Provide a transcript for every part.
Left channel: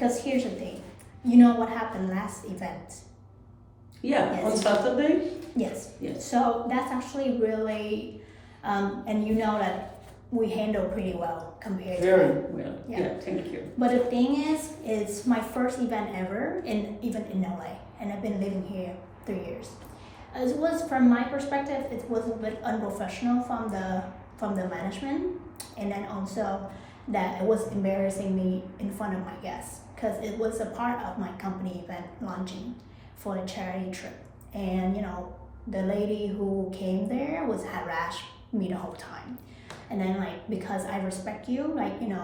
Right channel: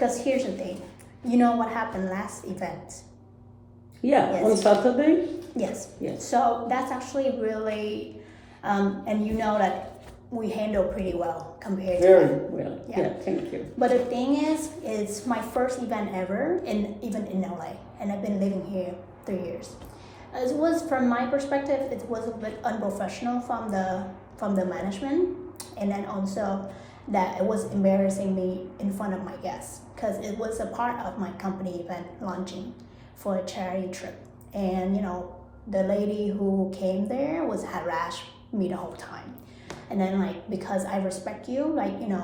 because here's the thing. You know what happened last event? Yeah, Yes. on Saturday? Yes. Yes. So that's actually really, and you know that we handle pretty well compared to Very that. well. Yeah. Yeah, thank you. But the thing is, it's my first event ever, even in LA, and I've been living here 3 years. It was, from my perspective, it was a bit unprofessional from the management, and then also that it was embarrassing me in front of my guests because it was a part of my company event launching for a charity trip, and the lady who came there was harassed me the whole time. And then because I respect you,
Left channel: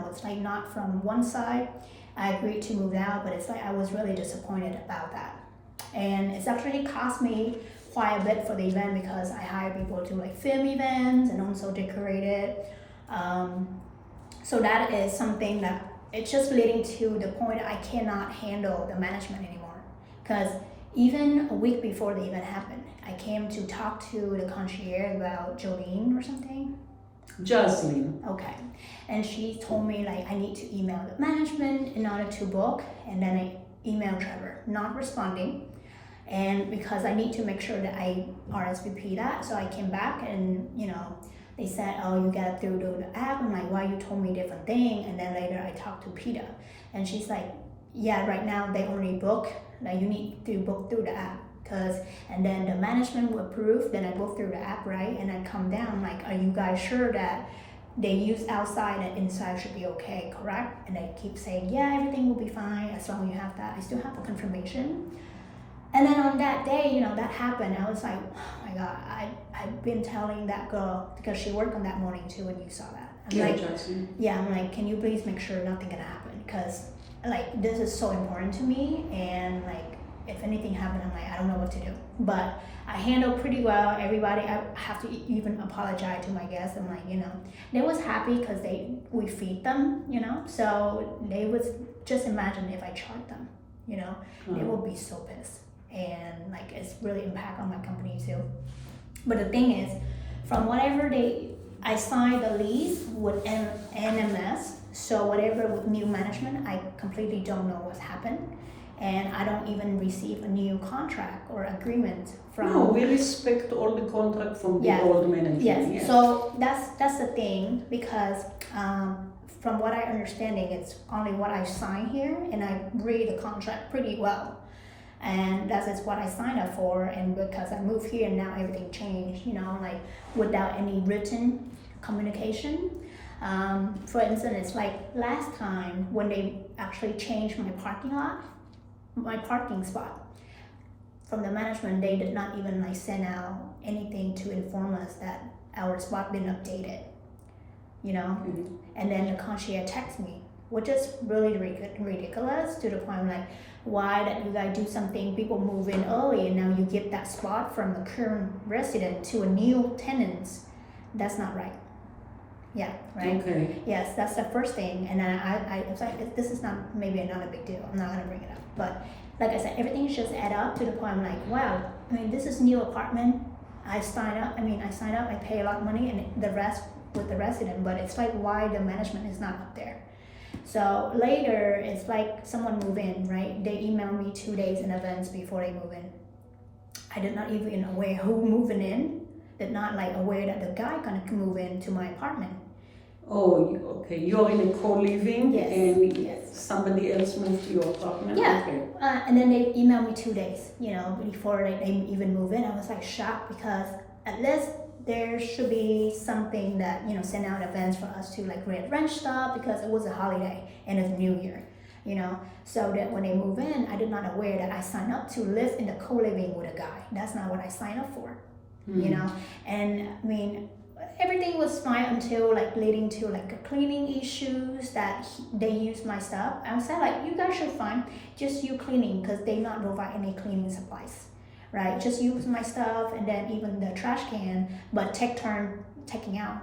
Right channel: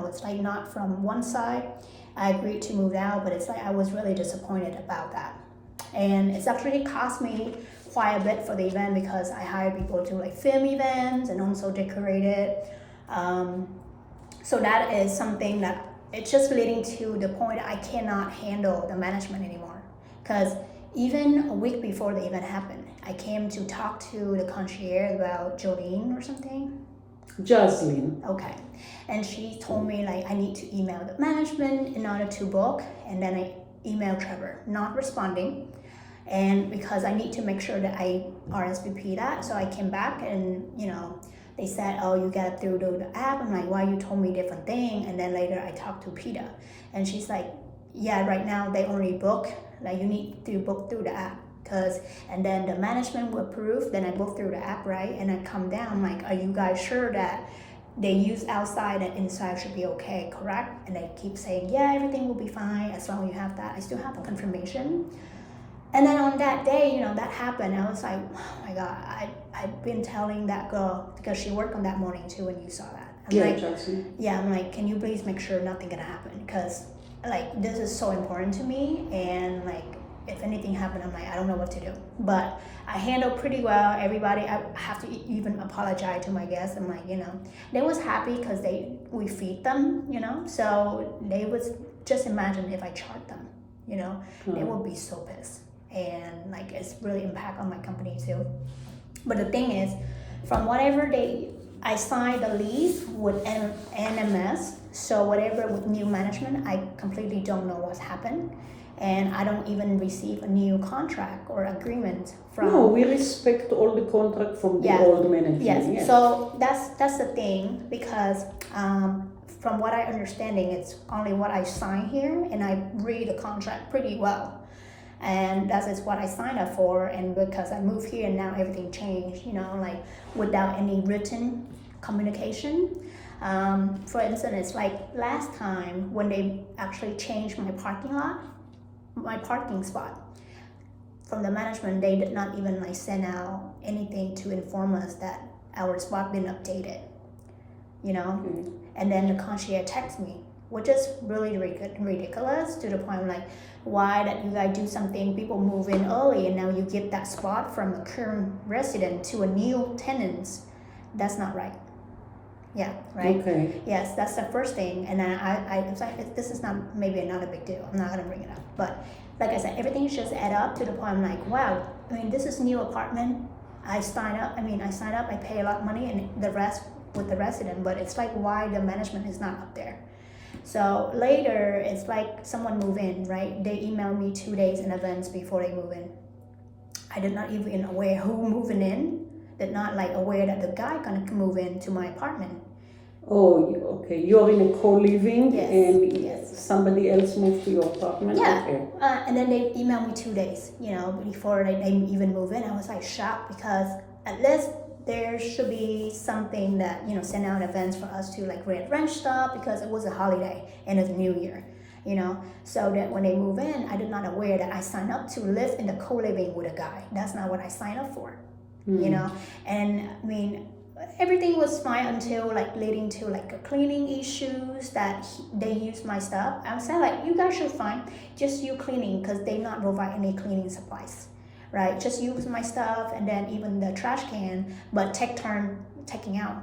it's like not from one side, I agreed to move out, but it's like I was really disappointed about that. And it's actually cost me quite a bit for the event because I hire people to film events and also decorate it. So that is something that it's just leading to the point I cannot handle the management anymore. Because even a week before the event happened, I came to talk to the concierge about Jolene or something. Jocelyn. Okay. And she told me I need to email the management in order to book, and then I emailed Trevor, not responding. And because I need to make sure that I RSVP that, so I came back and they said, oh, you got through the app. I'm like, why you told me different thing? And then later I talked to Peta, and she's like, yeah, right now they only book, you need to book through the app. And then the management will approve, then I book through the app, right? And I come down, are you guys sure that they use outside and inside should be okay, correct? And they keep saying, yeah, everything will be fine as long as you have that. I still have confirmation. And then on that day, that happened. I was like, oh my God, I've been telling that girl, because she worked on that morning too when you saw that. I'm like, can you please make sure nothing gonna happen? Because this is so important to me, and if anything happened, I'm like, I don't know what to do. But I handled pretty well. Everybody, I have to even apologize to my guests. I'm like, they was happy because we feed them, so they was, just imagine if I charged them, they would be so pissed. And it's really impact on my company too. But the thing is, from whatever I signed the lease with NMS, so whatever with new management, I completely don't know what's happened. And I don't even receive a new contract or agreement from. No, we respect all the contract from the old management. Yes. So that's the thing, because from what I understanding, it's only what I sign here, and I read the contract pretty well, and that is what I signed up for. And because I moved here and now everything changed, without any written communication. For instance, it's last time when they actually changed my parking spot from the management, they did not even send out anything to inform us that our spot been updated, And then the concierge texted me, which is really ridiculous, to the point why that you guys do something, people move in early and now you give that spot from a current resident to a new tenant. That's not right. Yeah, right? Okay. Yes, that's the first thing. And then I was like, this is maybe not a big deal. I'm not going to bring it up. But like I said, everything just add up to the point I'm like, wow, this is new apartment. I sign up, I pay a lot of money, and the rest with the resident. But it's why the management is not up there. So later, it's someone move in, right? They email me 2 days in advance before they move in. I did not even aware who moving in. Did not aware that the guy gonna move into my apartment. Oh, okay. You're in a co-living, yes. And yes. somebody else moved to your apartment? Yeah. Okay. And then they emailed me 2 days, before they even move in. I was shocked, because at least there should be something that, send out events for us to rent stuff, because it was a holiday and it's New Year, So that when they move in, I did not aware that I signed up to live in the co-living with a guy. That's not what I signed up for. And everything was fine until leading to cleaning issues that they use my stuff. I was saying you guys should fine, just you cleaning, because they not provide any cleaning supplies, right? Just use my stuff, and then even the trash can, but take turn taking out,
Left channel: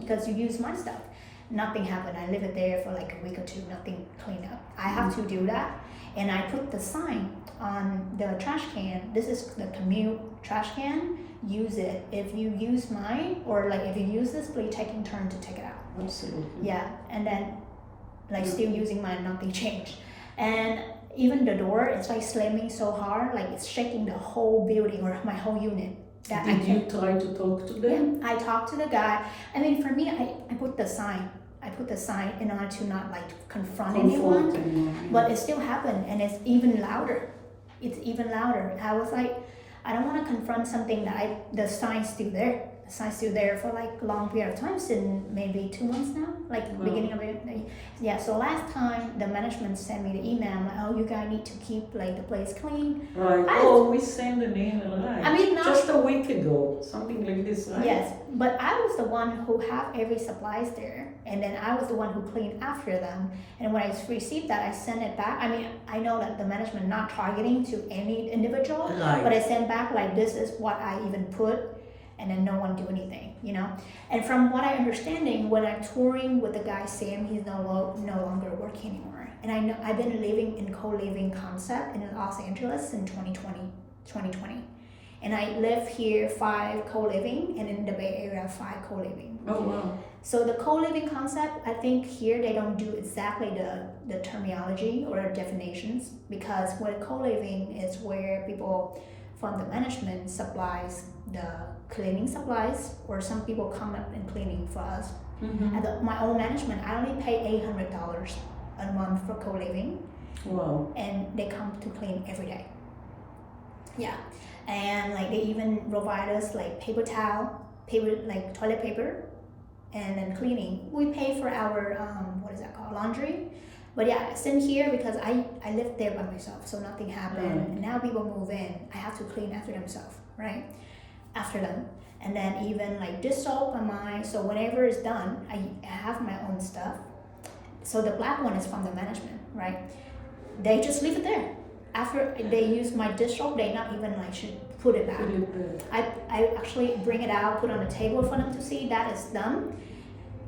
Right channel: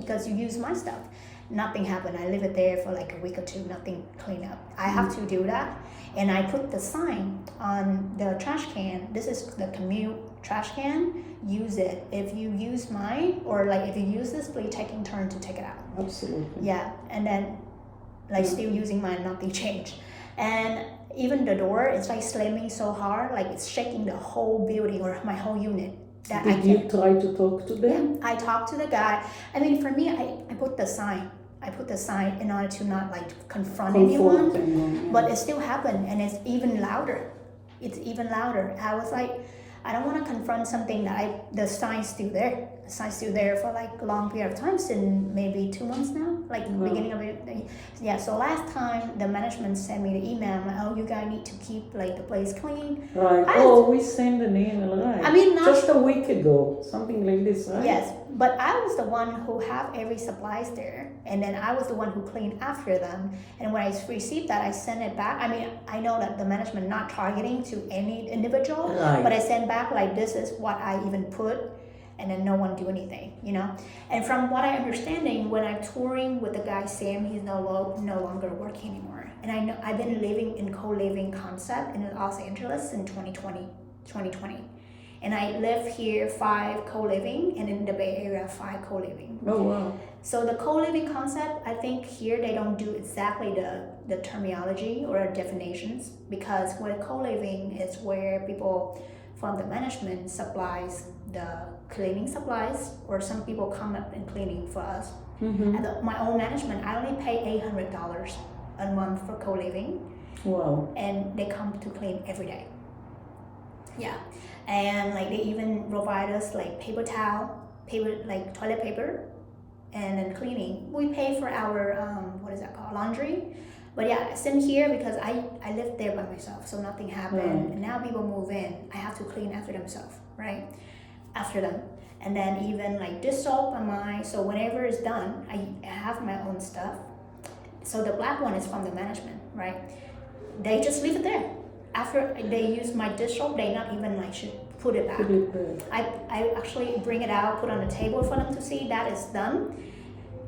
because you use my stuff. Nothing happened. I leave it there for a week or two, nothing clean up. I have to do that. And I put the sign on the trash can. This is the commute trash can. Use it. If you use mine, or if you use this, please taking turn to take it out. Absolutely. Yeah, and then still using mine, nothing changed. And even the door, it's like slamming so hard, like it's shaking the whole building or my whole unit. That Did you try to talk to them? I talked to the guy. I mean, for me, I put the sign. I put the sign in order to not like confront anyone, but it still happened, and it's even louder. It's even louder. I was like, I don't want to confront something that the sign's still there. The sign's still there for like a long period of time, since maybe 2 months now, like beginning of it. Yeah, so last time the management sent me the email, like, oh, you guys need to keep like the place clean. Right. We sent an email, right? I mean, not just a week ago, something like this, right? Yes, but I was the one who have every supplies there, and then I was the one who cleaned after them. And when I received that, I sent it back. I mean, I know that the management not targeting to any individual, Right. but I sent back like, this is what I even put, and then no one do anything, you know. And from what I understanding, when I'm touring with the guy Sam, he's no longer working anymore. And I know I've been living in co-living concept in Los Angeles in 2020. And I live here 5 co-living, and in the Bay Area 5 co-living. Oh wow. So the co-living concept, I think here they don't do exactly the terminology or definitions, because where co-living is where people from the management supplies the cleaning supplies, or some people come up and cleaning for us. Mm-hmm. At my own management, I only pay $800 a month for co-living. Wow. And they come to clean every day. Yeah. And like they even provide us like paper towel, like toilet paper, and then cleaning. We pay for our what is that called, laundry. But yeah, since here, because I lived there by myself, so nothing happened. Right. And now people move in, I have to clean after themselves, right? After them. And then even like dish soap on mine. So whenever it's done, I have my own stuff. So the black one is from the management, right? They just leave it there. After they use my dish soap, they not even like should put it back. I actually bring it out, put on the table for them to see that it's done.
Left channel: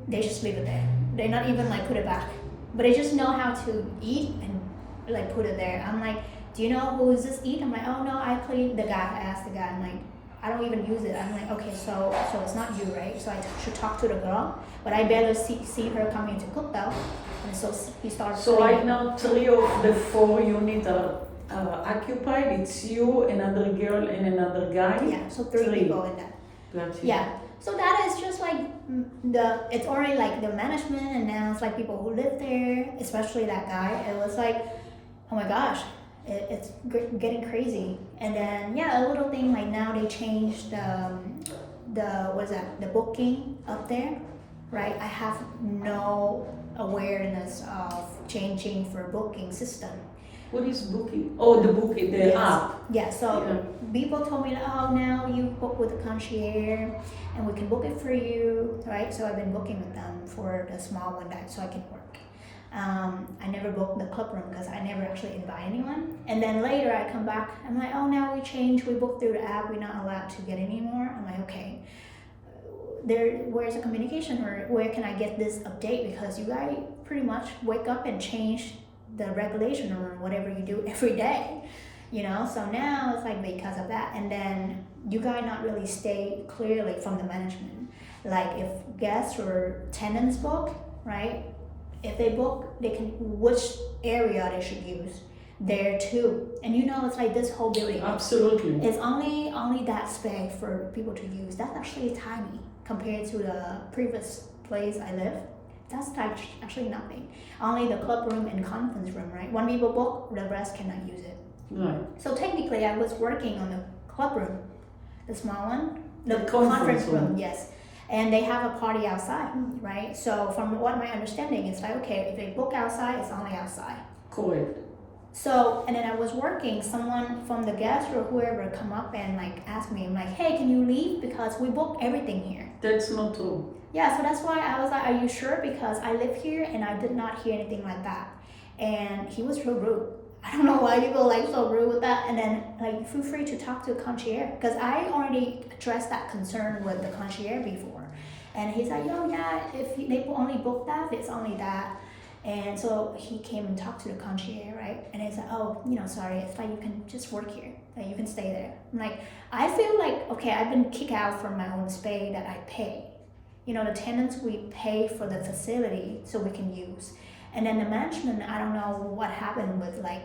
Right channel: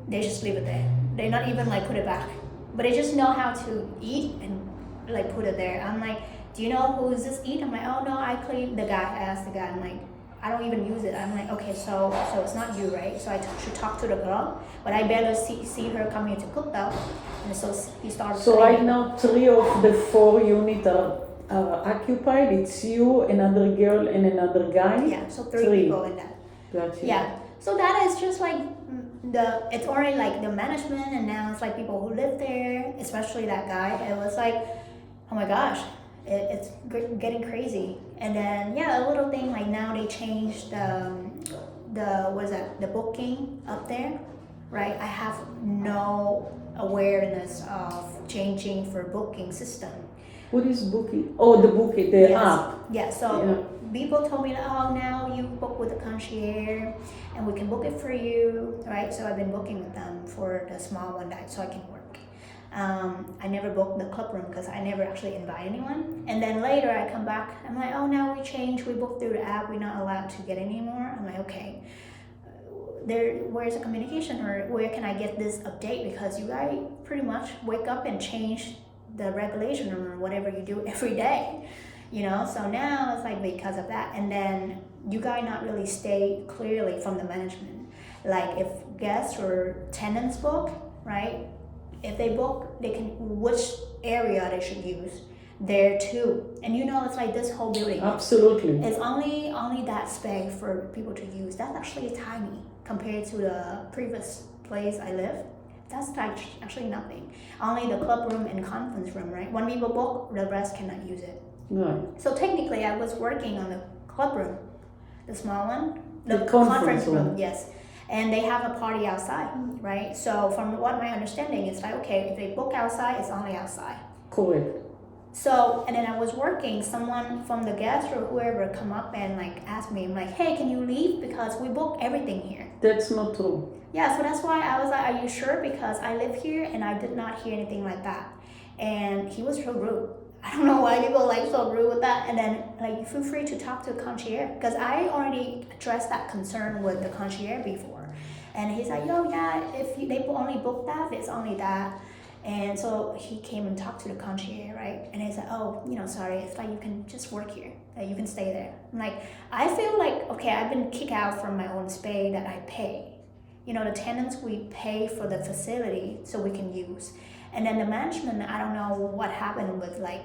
They just leave it there. They not even like put it back. But they just know how to eat and like put it there. I'm like, do you know who is this eat? I'm like, oh no, I clean. The guy, I asked the guy, I'm like, I don't even use it. I'm like, okay, so it's not you, right? So I should talk to the girl, but I barely see her coming to cook though. And so he started So cleaning. right now 3 of the 4 units are occupied. It's you, another girl, and another guy. Yeah, so 3 people in that. Gotcha. Yeah, so that is just like it's already like the management, and now it's like people who live there, especially that guy. It was like, oh my gosh, it's getting crazy. And then yeah, a little thing like now they changed the what is that, the booking up there, right? I have no awareness of changing for booking system. What is booking? Oh, the booking, the app. Yeah, so people told me, oh, now you book with the concierge and we can book it for you, right? So I've been booking with them for the small one that so I can work. I never booked the club room because I never actually invite anyone. And then later I come back, I'm like, oh, now we changed, we booked through the app, we're not allowed to get anymore. I'm like, okay, where's the communication, or where can I get this update? Because you guys pretty much wake up and change the regulation or whatever you do every day, you know. So now it's like because of that, and then you guys not really stay clearly from the management, like if guests or tenants book, right? If they book, they can which area they should use there too. And you know, it's like this whole building, Absolutely, it's only that space for people to use. That's actually tiny compared to the previous place I lived. That's like actually nothing. Only the club room and conference room, right? When people book, the rest cannot use it. right. So technically, I was working on the club room, the small one, the conference room, yes. And they have a party outside, right? So from what my understanding is like, okay, if they book outside, it's only outside. Correct. So, and then I was working, someone from the guest or whoever come up and like ask me, I'm like, hey, can you leave? Because we book everything here. That's not true. Yeah, so that's why I was like, are you sure? Because I live here and I did not hear anything like that. And he was real rude. I don't know why you go like so rude with that. And then like, feel free to talk to a concierge, because I already addressed that concern with the concierge before. And he's like, yo, yeah, if they only book that, it's only that. And so he came and talked to the concierge, right? And he said, oh, you know, sorry, it's like you can just work here, like you can stay there. I'm like, I feel like, okay, I've been kicked out from my own space that I pay. You know, the tenants, we pay for the facility so we can use. And then the management, I don't know what happened with like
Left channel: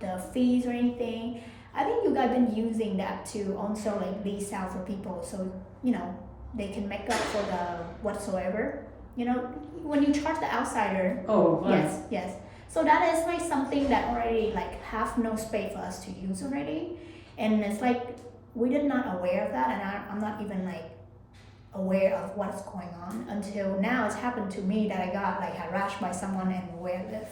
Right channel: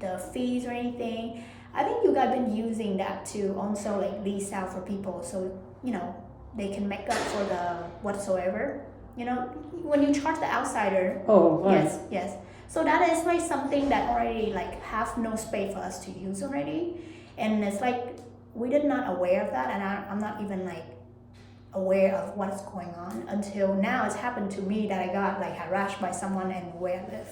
the fees or anything. I think you guys been using that to also like lease out for people, so you know they can make up for the whatsoever. You know, when you charge the outsider. Oh, right. Yes, yes. So that is like something that already like have no space for us to use already, and it's like we did not aware of that, and I'm not even like aware of what's going on until now. It's happened to me that I got like harassed by someone and where I live.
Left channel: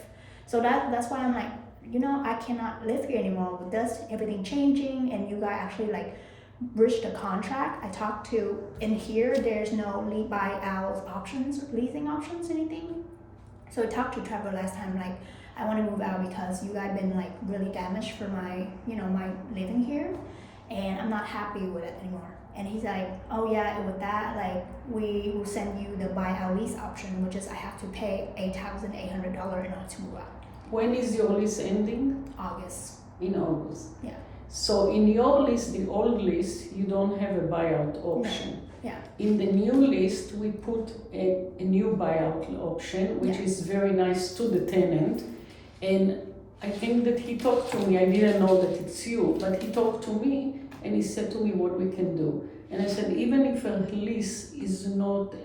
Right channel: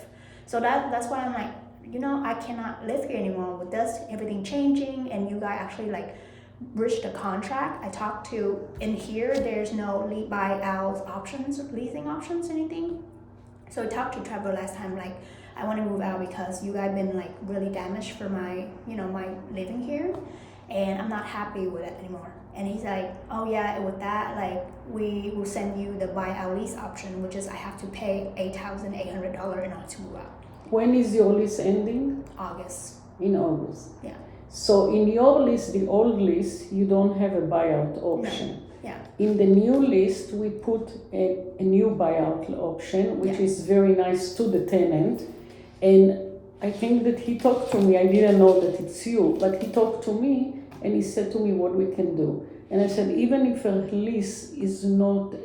So that's why I'm like, you know, I cannot live here anymore with this everything changing, and you guys actually like reached a contract. I talked to in here. There's no buyout options, leasing options, anything. So I talked to Trevor last time, like, I want to move out because you guys been like really damaged for my, you know, my living here, and I'm not happy with it anymore. And he's like, oh yeah, with that, like, we will send you the buyout lease option, which is I have to pay $8,800 in order to move out. When is your lease ending? August. In August. Yeah. So in your list, the old list, you don't have a buyout option. No. Yeah. In the new list, we put a new buyout option, which is very nice to the tenant. And I think that he talked to me, I didn't know that it's you, but he talked to me and he said to me what we can do. And I said, even if a lease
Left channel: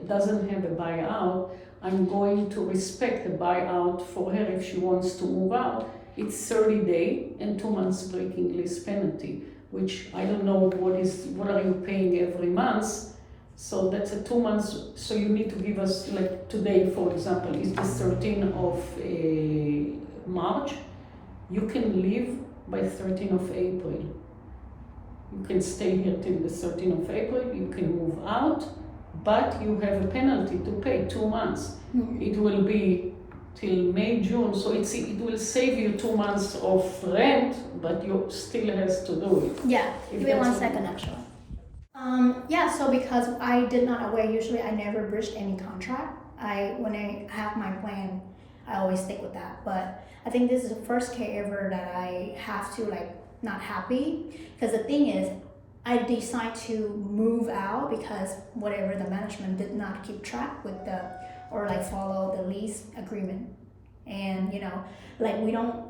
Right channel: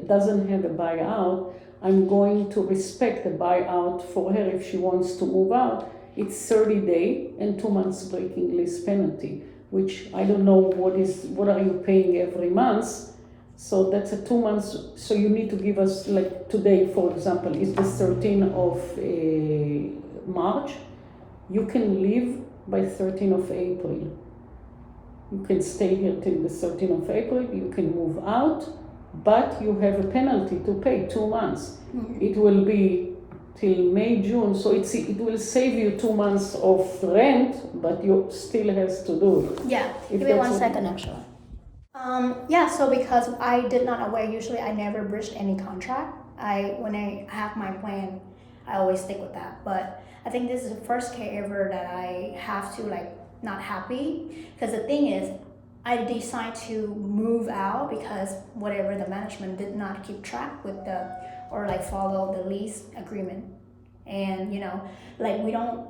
doesn't have a buyout, I'm going to respect the buyout for her if she wants to move out. It's 30 days and 2 months breaking lease penalty, which I don't know what are you paying every month. So that's a 2 months, so you need to give us, like today, for example, is the 13th of March. You can leave by 13th of April. You can stay here till the 13th of April, you can move out, but you have a penalty to pay 2 months. Mm-hmm. It will be till May, June, so it will save you 2 months of rent, but you still has to do it. Yeah, give me 1 second actually. Yeah, so because I did not aware, usually I never breached any contract. When I have my plan, I always stick with that. But I think this is the first case ever that I have to like not happy. Because the thing is, I decided to move out because whatever the management did not keep track with or like follow the lease agreement. And you know, like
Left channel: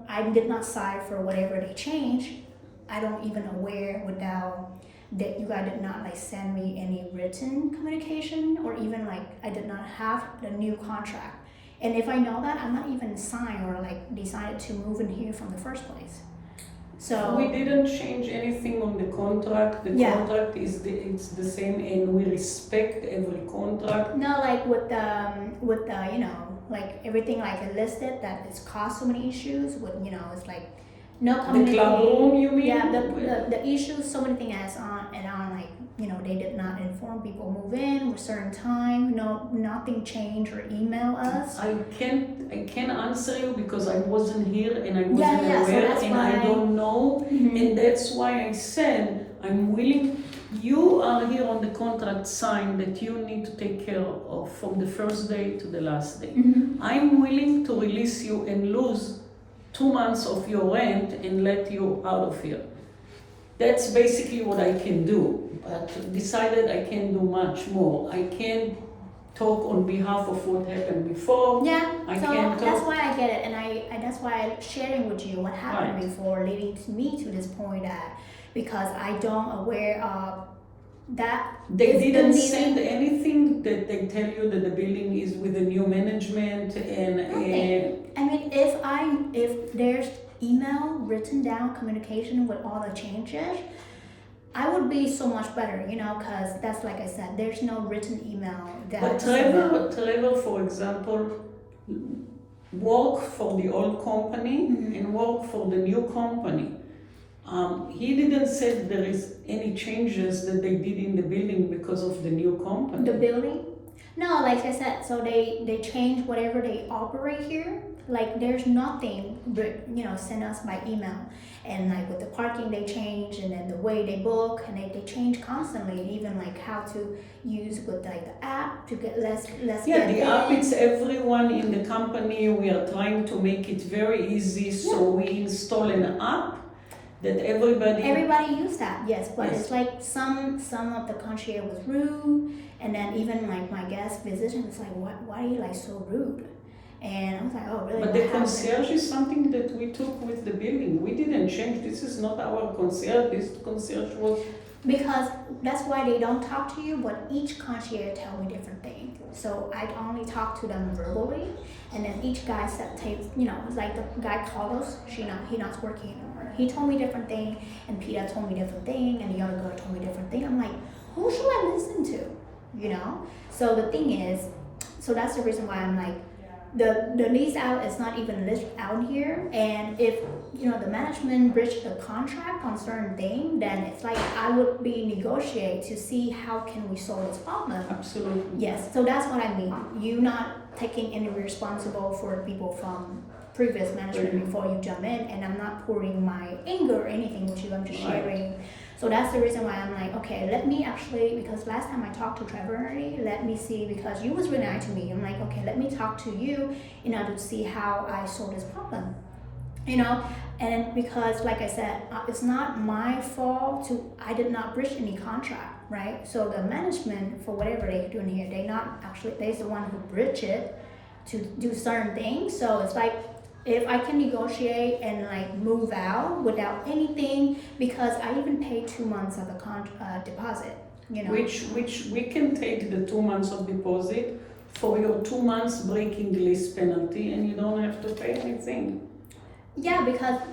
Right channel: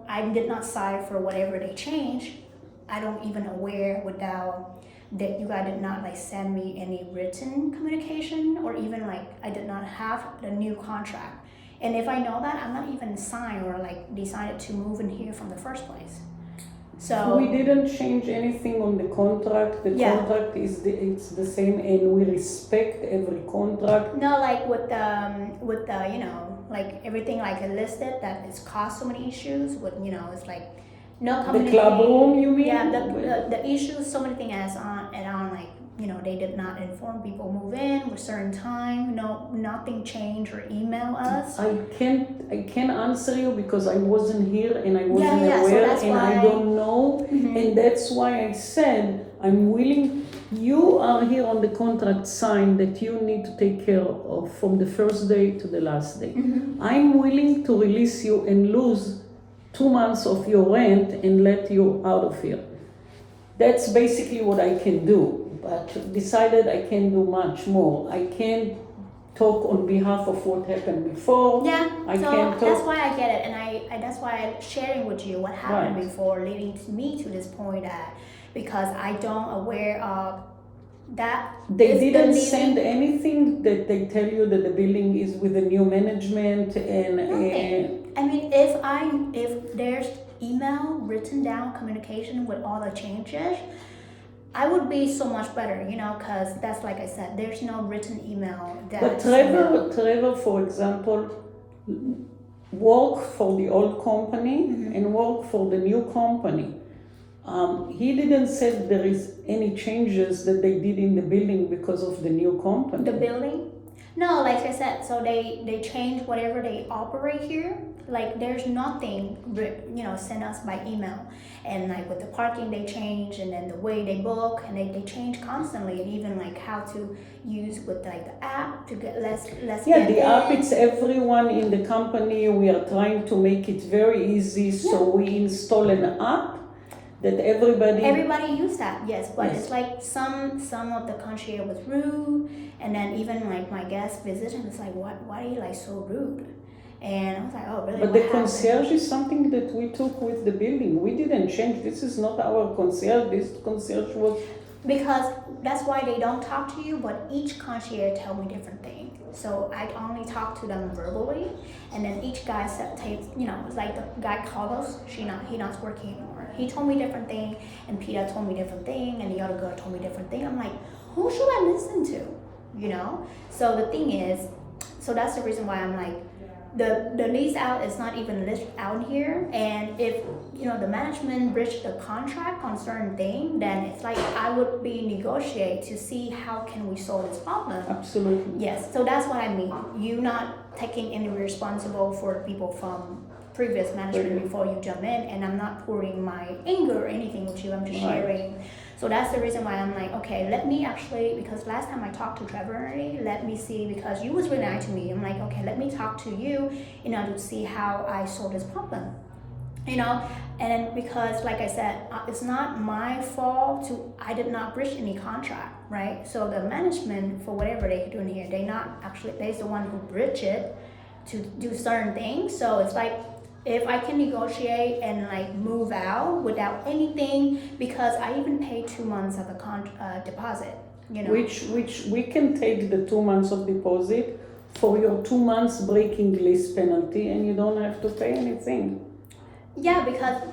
I did not sign for whatever they changed. I don't even aware without that you guys did not like send me any written communication, or even like I did not have the new contract. And if I know that, I'm not even signed or like decided to move in here from the first place. So we didn't change anything on the contract. The contract it's the same, and we respect every contract. No, like with the you know, like everything like listed that it's caused so many issues with, you know, it's like no communication. The club room, you mean? Yeah, the issues, so many things as on like, you know, they did not inform people move in with certain time. No, nothing changed or email us. I can't answer you because I wasn't here and I wasn't so aware, that's and why I don't know. Mhm. And that's why I said I'm willing. You are here on the contract signed that you need to take care of from the first day to the last day. Mhm. I'm willing to release you and lose 2 months of your rent and let you out of here. That's basically what I can do, but decided I can't do much more. I can't talk on behalf of what happened before. Yeah, I so can't talk. that's why I get it, and I that's why I'm sharing with you what happened Right. before, leading me to this point that because I don't aware of that. They is the didn't leading- send anything that they tell you that the building is with the new management and Nothing. I mean, if there's email written down communication with all the changes, I would be so much better, you know, because that's like I said, there's no written email that. But Trevor, for example, work for the old company Mhm. and work for the new company. He didn't say there is any changes that they did in the building because of the new company. The building? No, like I said, so they change whatever they operate here. Like there's nothing, you know, send us by email. And like with the parking they change, and then the way they book, and they change constantly, and even like how to use with like the app to get less. Yeah, the app, it's everyone in the company. We are trying to make it very easy, so we install an app that everybody use that, yes, but Yes. it's like some of the concierge was rude, and then even like my guest visitor was like, why are you like so rude? And I was like, oh, really? But What the happened? concierge is something that we took with the building. We didn't change. This is not our concierge. This concierge was. Because that's why they don't talk to you, but each concierge tell me different thing. So I only talk to them verbally, and then each guy takes, it's like the guy called us, he not working anymore. He told me different thing, and Peter told me different thing, and the other girl told me different thing. I'm like, who should I listen to? So the thing is, so that's the reason why I'm like, the lease out is not even list out here, and if the management breached the contract on certain thing, then it's like I would be negotiate to see how can we solve this problem. Absolutely. Yes, so that's what I mean. You not taking any responsible for people from previous management before you jump in, and I'm not pouring my anger or anything with you. I'm just sharing. So that's the reason why I'm like, okay, let me actually, because last time I talked to Trevor already, let me see, because you was really nice to me. I'm like, okay, let me talk to you in order to see how I solve this problem. And because like I said, it's not my fault I did not breach any contract, right? So the management, for whatever they're doing here, they're the one who breached it to do certain things. So it's like, if I can negotiate and like move out without anything, because I even paid 2 months of a deposit, Which we can take the 2 months of deposit for your 2 months breaking lease penalty, and you don't have to pay anything. Yeah,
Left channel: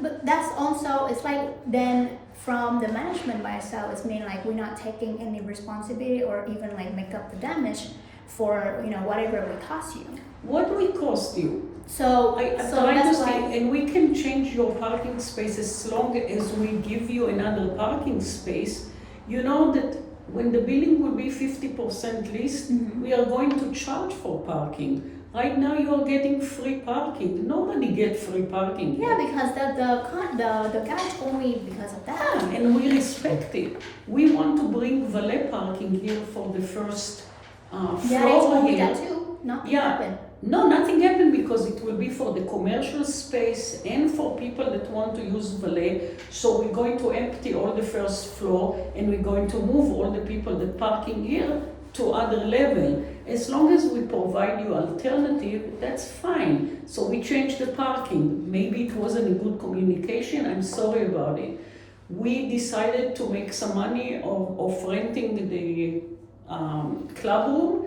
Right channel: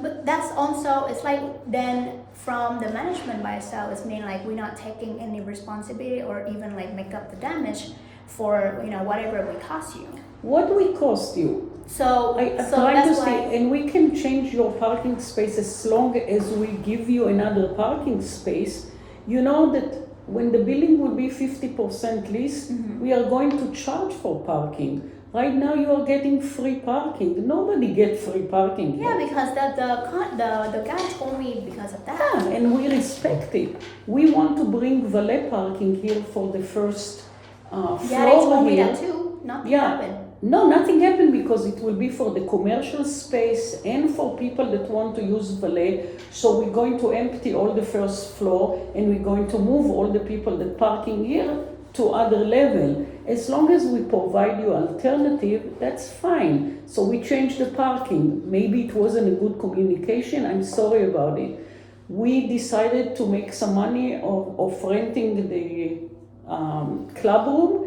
but that's also, it's like then from the management by itself, it's mean like we're not taking any responsibility or even like make up the damage for whatever it would cost you. What will it cost you? So that's why. And we can change your parking space as long as we give you another parking space. You know that when the building will be 50% leased, we are going to charge for parking. Right now you are getting free parking. Nobody gets free parking here. Yeah, because the guy told me because of that. Yeah, and we respect it. We want to bring valet parking here for the first floor. Yeah, they told me that too. Nothing happened. No, nothing happened because it will be for the commercial space and for people that want to use valet. So we're going to empty all the first floor and we're going to move all the people that parking here to other level. As long as we provide you alternative, that's fine. So we changed the parking. Maybe it wasn't a good communication. I'm sorry about it. We decided to make some money of renting the club room.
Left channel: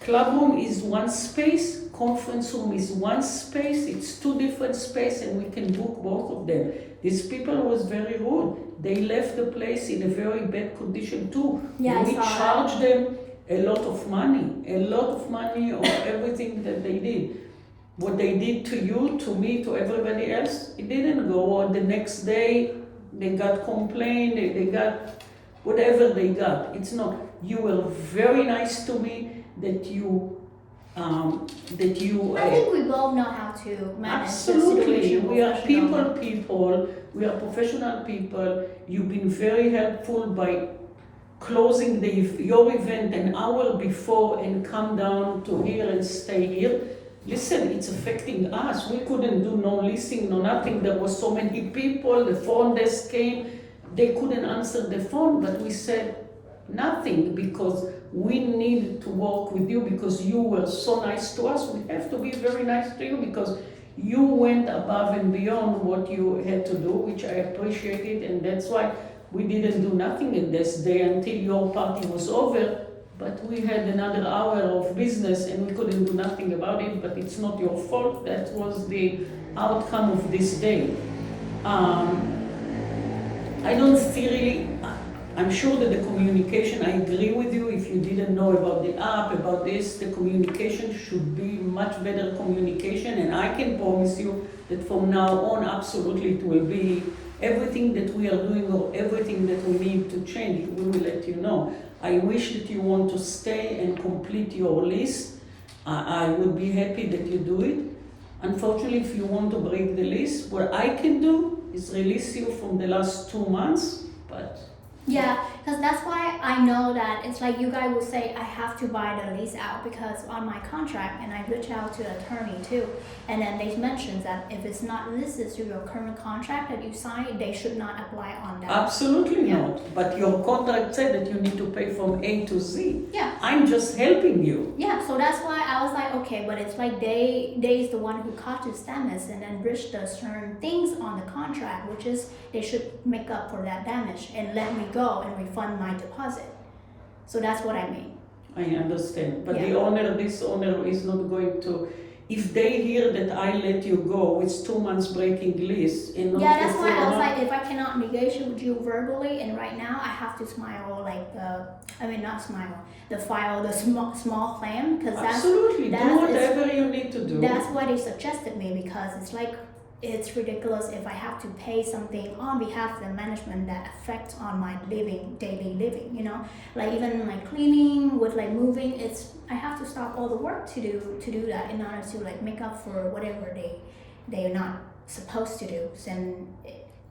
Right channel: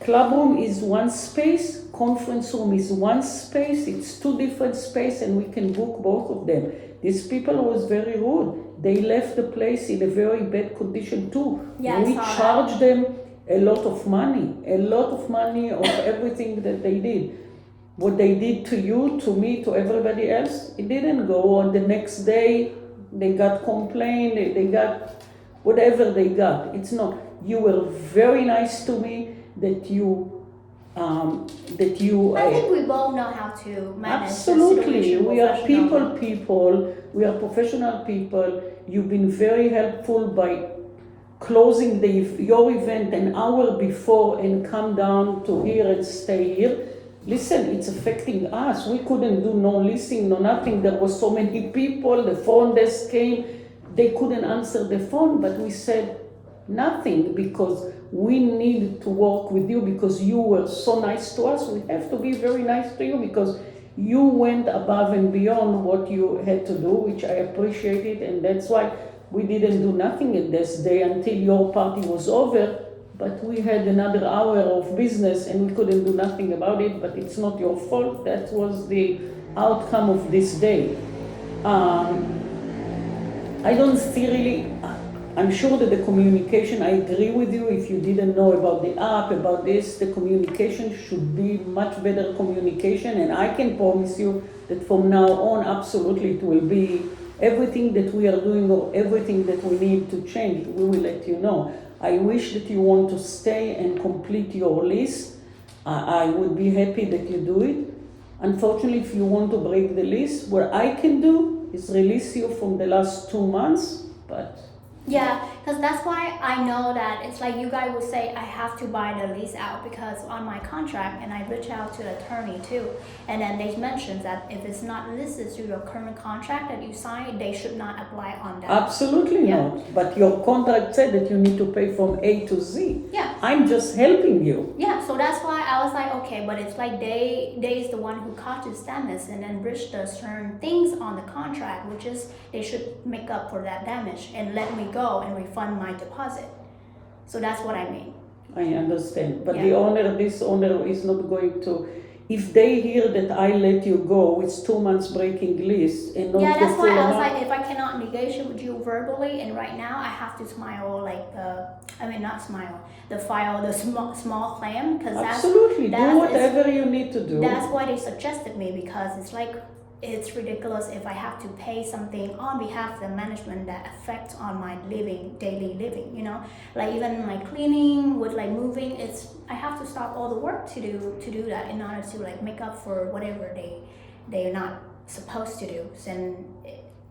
Club room is one space, conference room is one space, it's two different spaces and we can book both of them. These people was very rude. They left the place in a very bad condition too. Yeah, we charged them a lot of money of everything that they did. What they did to you, to me, to everybody else, it didn't go on. The next day they got complaint, they got whatever they got. It's not, you were very nice to me. That you I think we both know how to manage absolutely. The situation. We are people. We are professional people. You've been very helpful by closing your event an hour before and come down to here and stay here. Listen, it's affecting us. We couldn't do no leasing, no nothing. There was so many people. The phone desk came. They couldn't answer the phone, but we said nothing because we need to work with you because you were so nice to us. We have to be very nice to you because you went above and beyond what you had to do, which I appreciated, and that's why we didn't do nothing in this day until your party was over. But we had another hour of business and we couldn't do nothing about it, but it's not your fault. That was the outcome of this day. I don't see really, I'm sure that the communication, I agree with you, if you didn't know about the app, about this, the communication should be much better communication, and I can promise you that from now on, absolutely it will be everything that we are doing or everything that we need to change, we will let you know. I wish that you want to stay and complete your lease. I would be happy that you do it. Unfortunately, if you want to break the lease, what I can do is release you from the last 2 months, but Yeah, because that's why I know that it's like you guys would say I have to buy the lease out because on my contract, and I reach out to the attorney too, and then they mentioned that if it's not listed to your current contract that you sign, they should not apply on that. Absolutely Yeah. not. But your contract said that you need to pay from A to Z. Yeah. I'm just helping you. Yeah, so that's why I was like, okay, but it's like they is the one who caught you damage and then breached the certain things on the contract, which is they should make up for that damage and let me go and refund my deposit. So that's what I mean. I understand. But Yeah. this owner is not going to. If they hear that I let you go, it's 2 months breaking lease and not Yeah, the that's why full I was amount. like, if I cannot negotiate with you verbally, and right now I have to smile not smile, the small claim, because Absolutely. Do that is- whatever you need to do. that's why they suggested me, because it's like, it's ridiculous if I have to pay something on behalf of the management that affects on my daily living, you know? Like even my cleaning, with like moving, I have to stop all the work to do that in order to like make up for whatever they're not supposed to do. So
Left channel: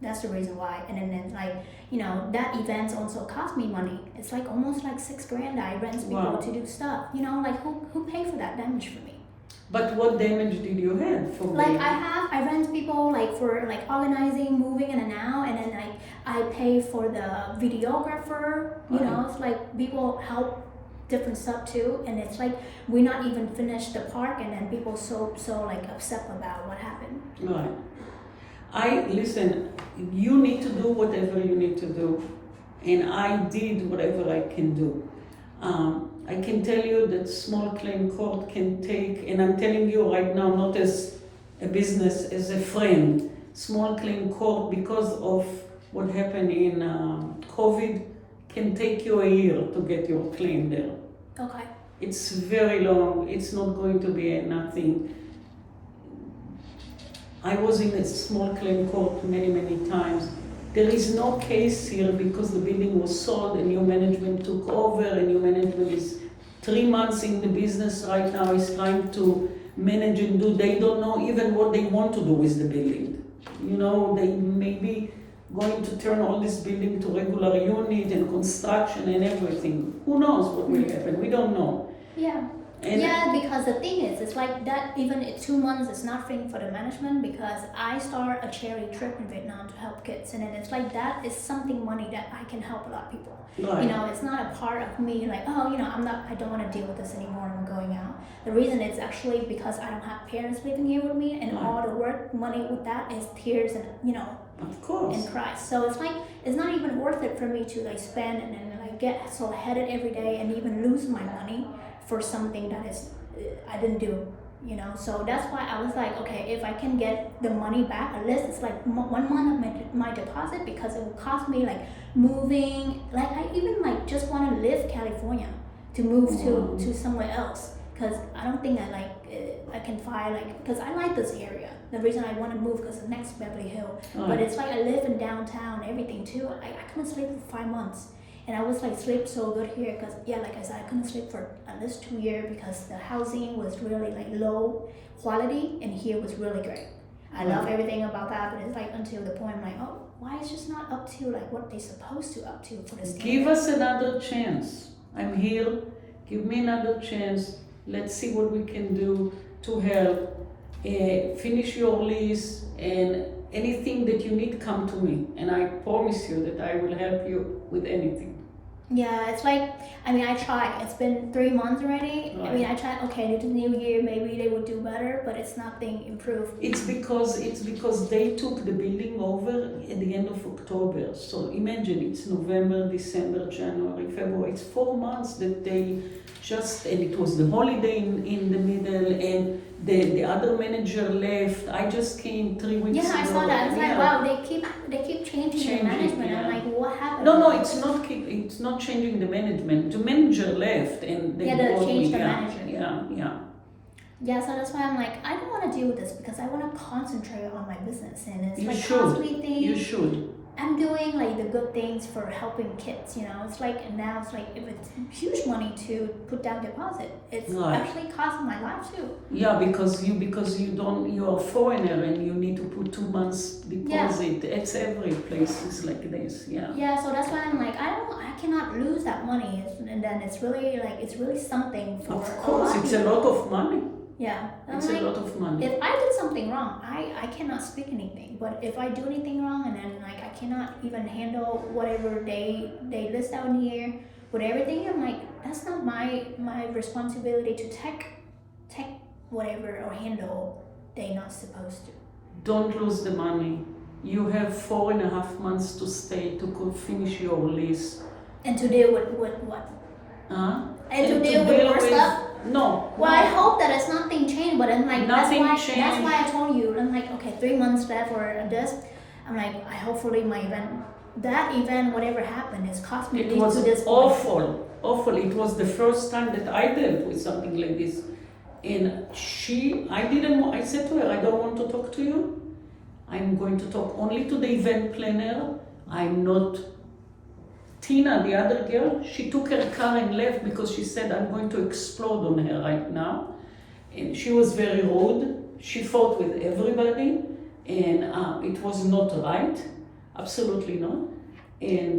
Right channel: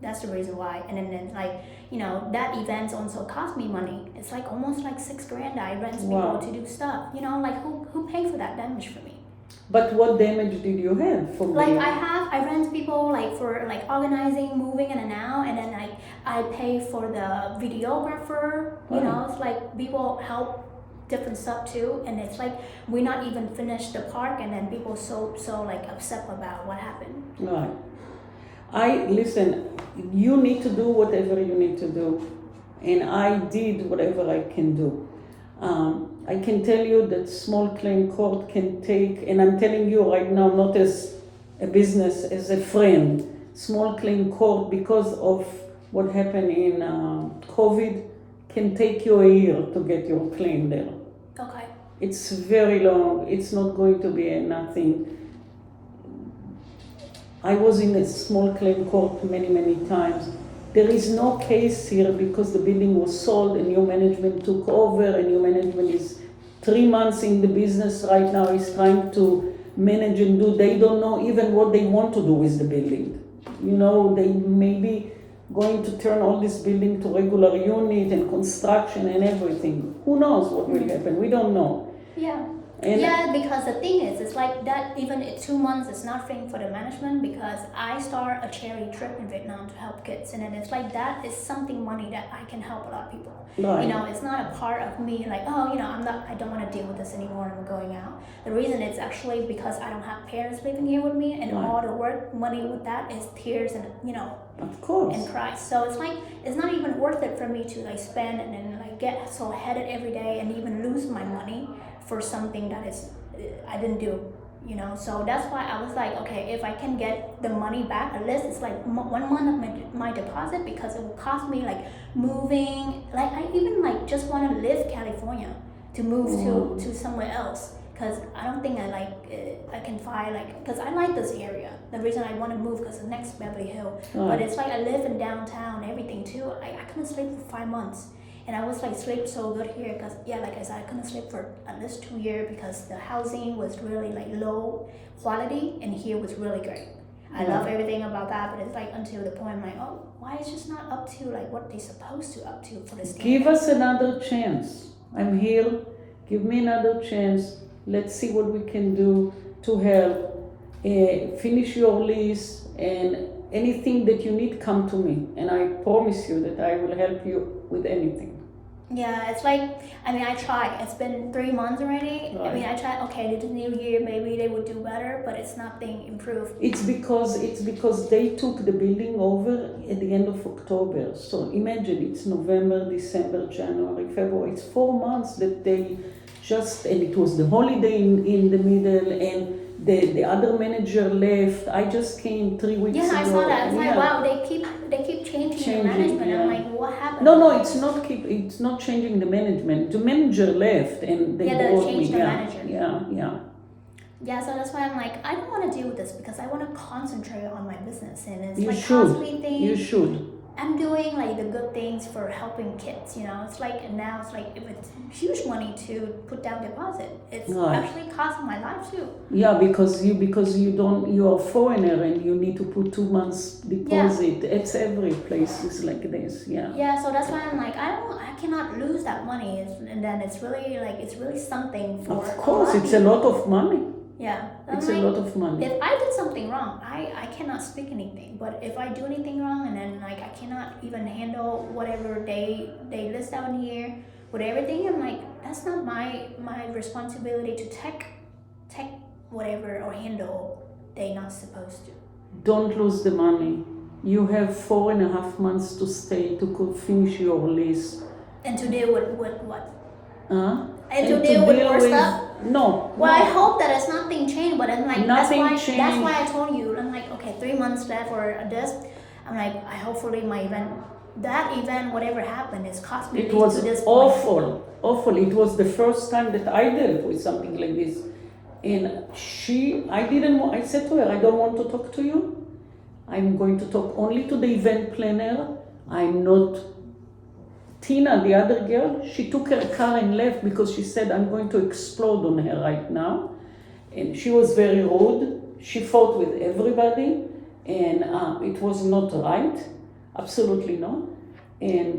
that's the reason why. And then like, you know, that event also cost me money. It's like almost like $6,000 I rent people Wow. to do stuff. You know, like who pay for that damage for me? But what damage did you have for Like me? I rent people like for like organizing, moving in and out, and then like I pay for the videographer. You know, it's like people help different stuff too, and it's like we not even finished the park, and then people so like upset about what happened. Right. Listen. You need to do whatever you need to do, and I did whatever I can do. I can tell you that small claim court can take, and I'm telling you right now, not as a business, as a friend, small claim court, because of what happened in COVID, can take you a year to get your claim there. Okay. It's very long. It's not going to be nothing. I was in a small claim court many times. There is no case here because the building was sold, a new management took over, a new management is 3 months in the business right now, is trying to manage and do. They don't know even what they want to do with the building. You know, they may be going to turn all this building to regular unit and construction and everything. Who knows what will happen? We don't know. Yeah. Yeah, because the thing is, it's like that even in 2 months is nothing for the management, because I start a charity trip in Vietnam to help kids, and then it's like that is something money that I can help a lot of people. Right. You know, it's not a part of me like, oh, you know, I don't want to deal with this anymore, I'm going out. The reason it's actually because I don't have parents living here with me, and Right. all the work money with that is tears and, you know, Of course. and cries. So it's like, it's not even worth it for me to like spend and then like get so headed every day and even lose my money for something that is I didn't do, you know. So that's why I was like, okay, if I can get the money back, at least it's like 1 month of my deposit, because it will cost me like moving. Like I even like just want to leave California to move to somewhere else, because I don't think I can find like, because I like this area. The reason I want to move because the next Beverly Hills, but it's like I live in downtown, everything too. I couldn't sleep for 5 months. And I was like sleep so good here because like I said, I couldn't sleep for at least 2 years because the housing was really like low quality, and here was really great. I love everything about that, but it's like until the point I'm like, oh, why is just not up to like what they're supposed to up to for this standard? Give us another chance. I'm here. Give me another chance. Let's see what we can do to help. Finish your lease, and anything that you need, come to me, and I promise you that I will help you with anything. Yeah, it's like, I mean, I tried. It's been 3 months already. Right. I mean, I tried, okay, this new year, maybe they would do better, but it's nothing improved. It's because they took the building over at the end of October. So imagine it's November, December, January, February. It's 4 months that they just, and it was the holiday in the middle, and the other manager left. I just came 3 weeks ago. Yeah, I saw that. It's like, wow, they keep changing the management. Yeah. I'm like, what happened? No, it's not changing the management. The manager left, and they they changed the management. Yeah. Yeah, so that's why I'm like, I don't want to deal with this because I want to concentrate on my business, and it's You like should. costly thing. You should. I'm doing like the good things for helping kids, you know. It's like now it's like if it's huge money to put down deposit, it's Right. actually costing my life too. Yeah, because you're a foreigner and you need to put 2 months deposit. It's every place is like this. Yeah. Yeah, so that's why I'm like I cannot lose that money, and then it's really something for Of a lot course, of it's a people. lot of money. Yeah, I'm It's a lot of money. if I did something wrong, I cannot speak anything. But if I do anything wrong and then like I cannot even handle whatever they list out in here with everything, I'm like that's not my responsibility to take whatever or handle they not supposed to. Don't lose the money. You have 4.5 months to stay to finish your lease. And to deal with what? And to to deal with more with- stuff? No. Well, no. I hope that it's nothing changed, but I'm like Nothing that's changed. why I told you. I'm like, okay, 3 months left for this. I'm like, I hopefully my event, that event, whatever happened, is cost me It at least was to this point. awful. It was the first time that I dealt with something like this. And I said to her, I don't want to talk to you. I'm going to talk only to the event planner. I'm not. Tina, the other girl, she took her car and left because she said, I'm going to explode on her right now. And she was very rude. She fought with everybody. And it was not right. Absolutely not. And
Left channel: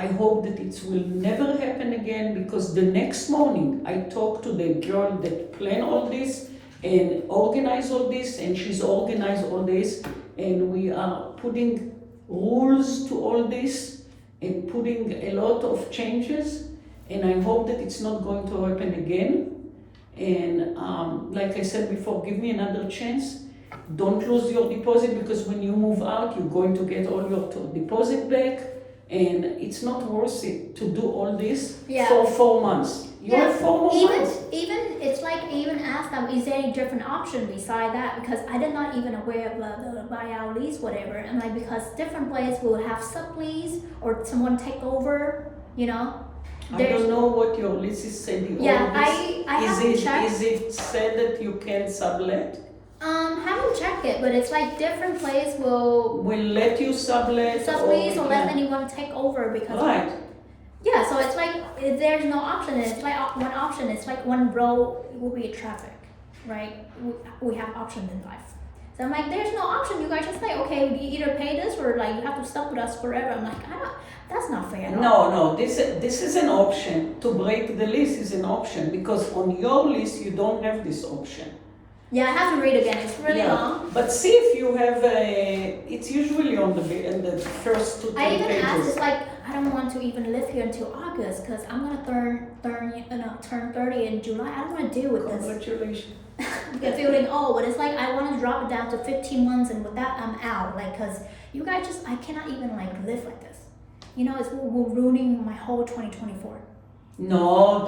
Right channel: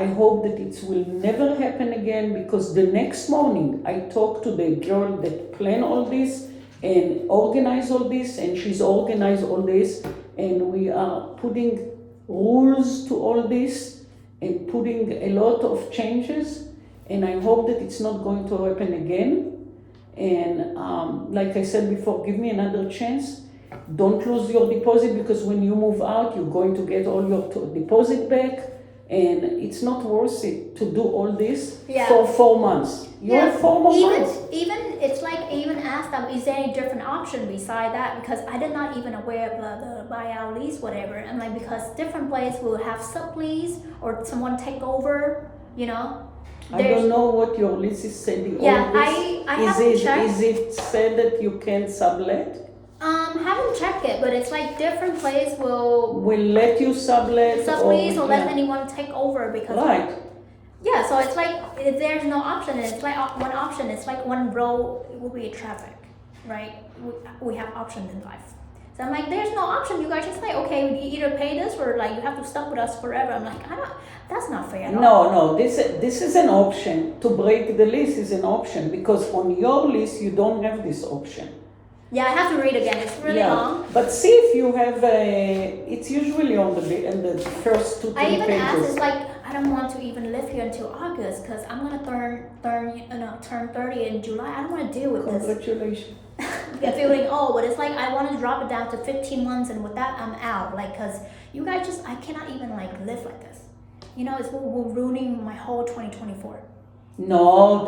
I hope that it will never happen again, because the next morning I talked to the girl that planned all this and organized all this, and she's organized all this, and we are putting rules to all this and putting a lot of changes, and I hope that it's not going to happen again. And like I said before, give me another chance. Don't lose your deposit, because when you move out, you're going to get all your deposit back, and it's not worth it to do all this for 4 months. You have 4 more months. Even it's like I even asked them, is there any different option beside that? Because I did not even aware of the buyout lease, whatever. And like because different places will have sublease or someone take over, you know. I don't know what your lease is saying. Yeah, I haven't checked. Is it said that you can sublet? Haven't checked it, but it's like different places will let you sublet sublease or let anyone take over because right. Yeah, so it's like there's no option. It's like one option. It's like one road will be traffic, right? We have options in life. So I'm like, there's no option. You guys just say, okay, you either pay this or like you have to stuck with us forever. I'm like, that's not fair at all. No, this is an option. To break the lease is an option, because on your lease you don't have this option. Yeah, I have to read again. It's really long. But see if you have it's usually on the first 2 I even pages. asked, it's like I don't want to even live here until August because I'm gonna turn 30 in July. I don't want to deal with this. Congratulations. I'm feeling old, but it's like I want to drop it down to 15 months, and with that I'm out. Like, cause you guys I cannot even like live like this. You know, it's ruining my whole 2024. No,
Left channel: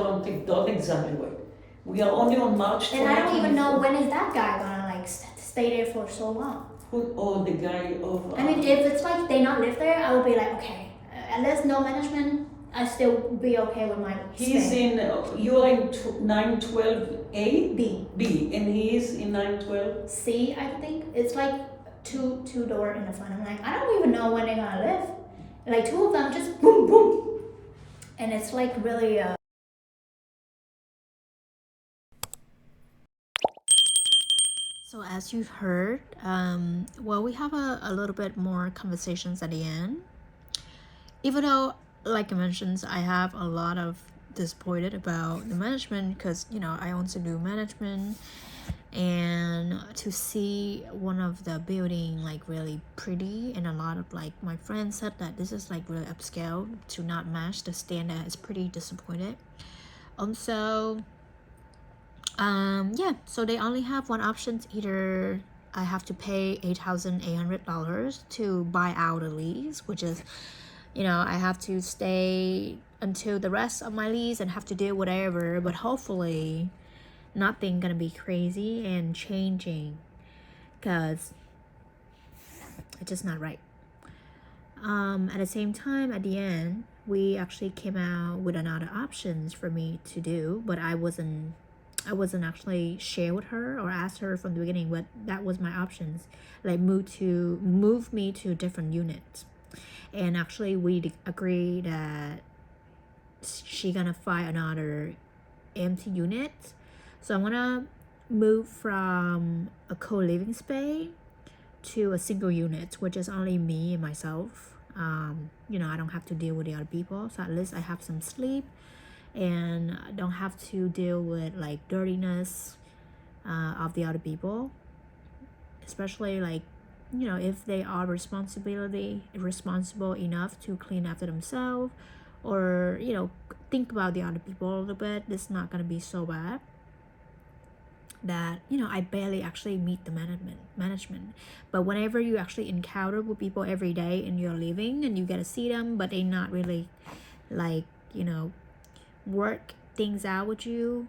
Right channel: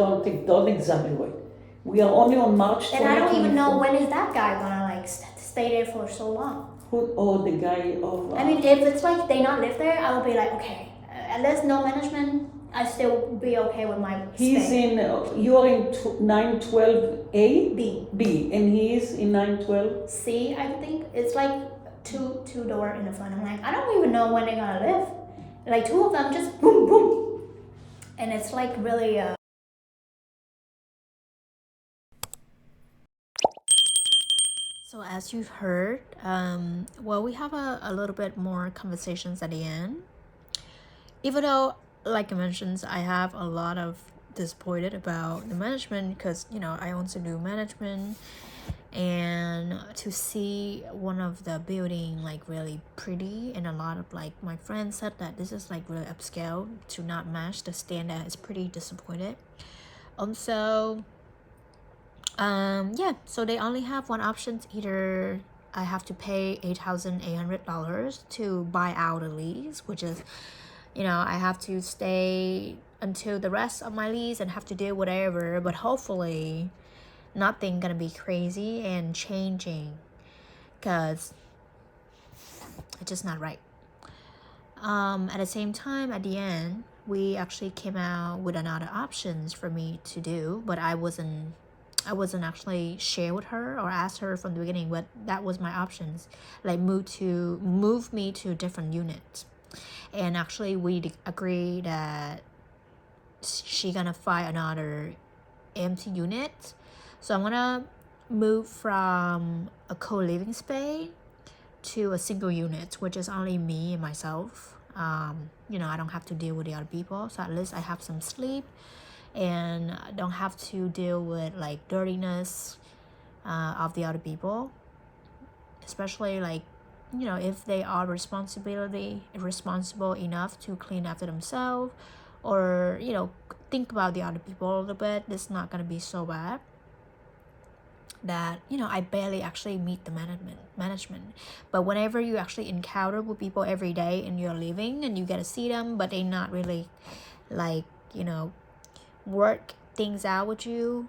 don't exaggerate. We are only on March 2024. And I don't even know when is that guy gonna like stay there for so long. The guy of... I mean, if it's like they not live there, I would be like, okay, unless no management, I still be okay with my He's stay. you are in 912A? B, and he is in 912? C, I think. It's like two door in the front. I'm like, I don't even know when they're gonna live. Like two of them just boom, boom. And it's like really, So as you heard, well, we have a little bit more conversations at the end. Even though, like I mentioned, I have a lot of disappointed about the management because, you know, I also do management, and to see one of the building like really pretty, and a lot of like my friends said that this is like really upscale to not match the standard is pretty disappointed. So yeah, so they only have one option. Either I have to pay $8,800 to buy out a lease, which is, you know, I have to stay until the rest of my lease and have to do whatever, but hopefully nothing gonna be crazy and changing, because it's just not right. At the same time, at the end, we actually came out with another options for me to do, but I wasn't I wasn't actually share with her or ask her from the beginning, but that was my options, like move me to a different unit. And actually we agreed that she gonna find another empty unit. So I'm gonna move from a co-living space to a single unit, which is only me and myself. I don't have to deal with the other people, so at least I have some sleep and I don't have to deal with like dirtiness of the other people, especially like if they are responsible enough to clean after themselves, or think about the other people a little bit. It's not gonna be so bad that I barely actually meet the management. But whenever you actually encounter with people every day and you're living and you get to see them, but they not really like work things out with you,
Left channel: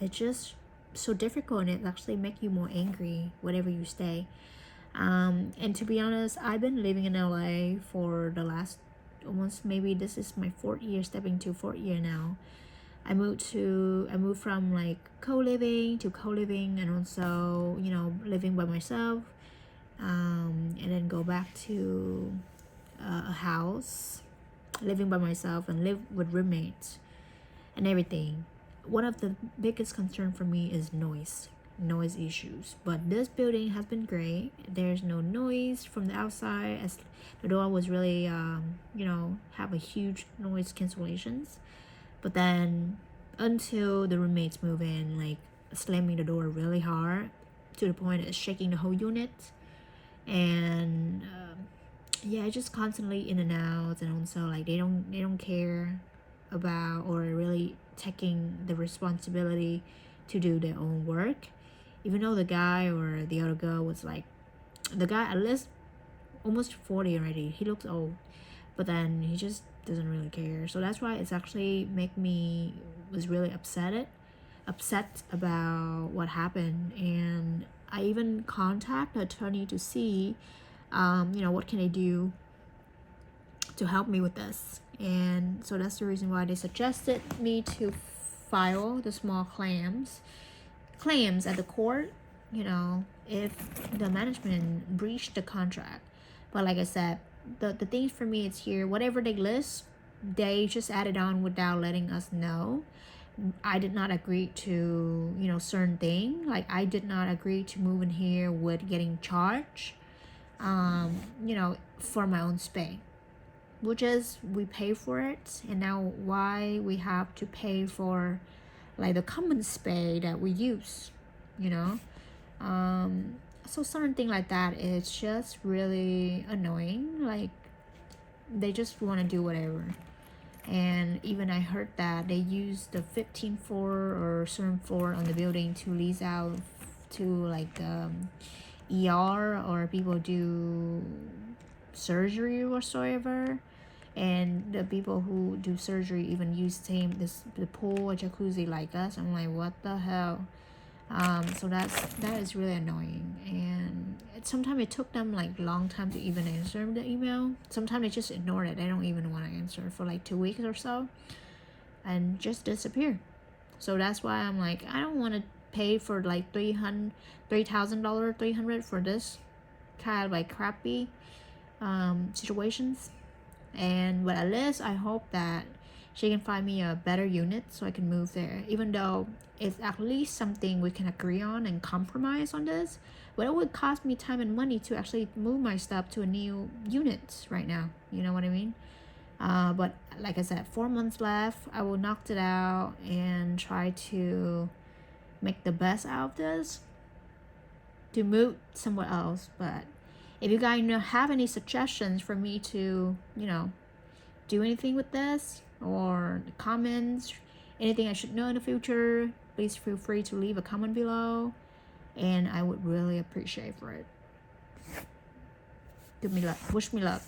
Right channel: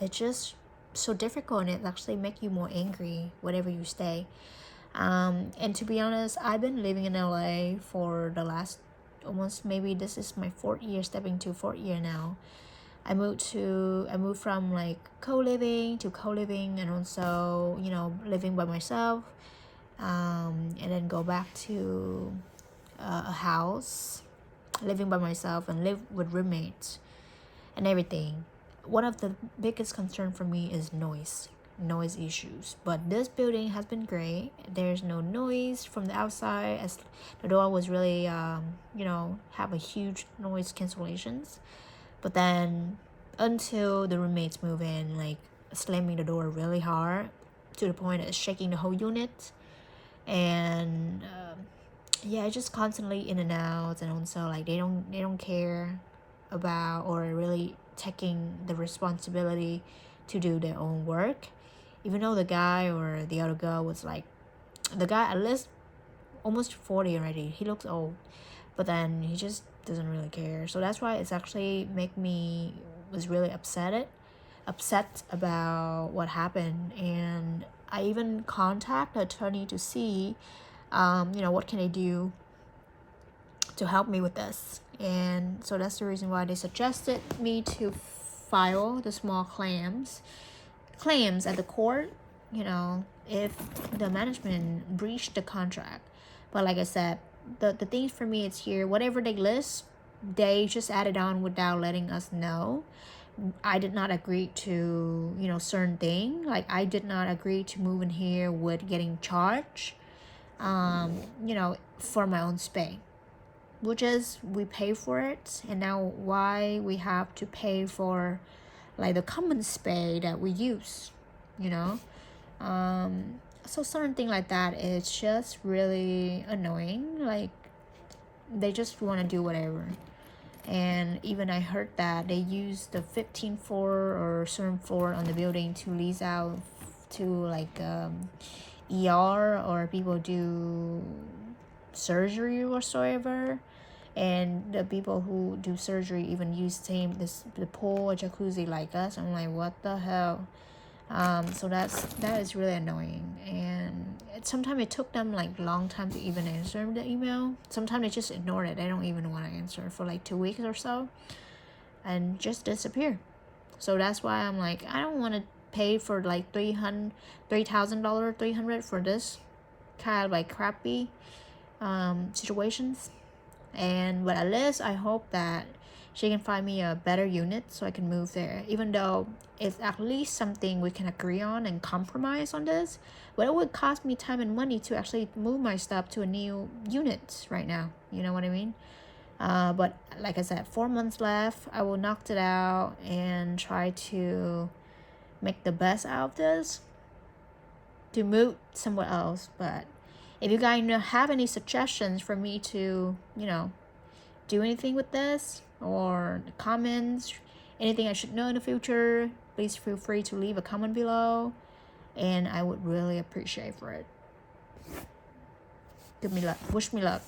it's just so difficult, and it actually make you more angry wherever you stay. And to be honest, I've been living in LA for the last almost, maybe this is my 4th year, stepping to 4th year now. I moved from like co-living to co-living, and also living by myself, and then go back to a house, living by myself and live with roommates and everything. One of the biggest concern for me is noise issues, but this building has been great. There's no noise from the outside, as the door was really have a huge noise cancellations. But then until the roommates move in, like slamming the door really hard to the point it's shaking the whole unit. And it's just constantly in and out, and also like they don't care about or really taking the responsibility to do their own work, even though the guy or the other girl was like, the guy at least almost 40 already, he looks old, but then he just doesn't really care. So that's why it's actually was really upset about what happened. And I even contact the attorney to see what can they do to help me with this. And so that's the reason why they suggested me to file the small claims at the court, if the management breached the contract. But like I said, the thing for me is here, whatever they list, they just added on without letting us know. I did not agree to certain thing. Like I did not agree to move in here with getting charged for my own space, which is we pay for it. And now why we have to pay for like the common space that we use, so certain thing like that is just really annoying. Like they just want to do whatever. And even I heard that they use the 15th floor or certain floor on the building to lease out to like ER, or people do surgery or whatsoever. And the people who do surgery even use the pool or jacuzzi like us. I'm like, what the hell? So that is really annoying. And sometimes it took them like long time to even answer the email. Sometimes they just ignore it. They don't even want to answer for like 2 weeks or so and just disappear. So that's why I'm like, I don't want to pay for like $3,000 $300 for this kind of like crappy situations. But at least I hope that she can find me a better unit so I can move there, even though it's at least something we can agree on and compromise on this. But it would cost me time and money to actually move my stuff to a new unit right now. You know what I mean? But like I said, 4 months left. I will knock it out and try to make the best out of this to move somewhere else. But if you guys have any suggestions for me to, do anything with this, or comments, anything I should know in the future, please feel free to leave a comment below, and I would really appreciate for it. Wish me luck.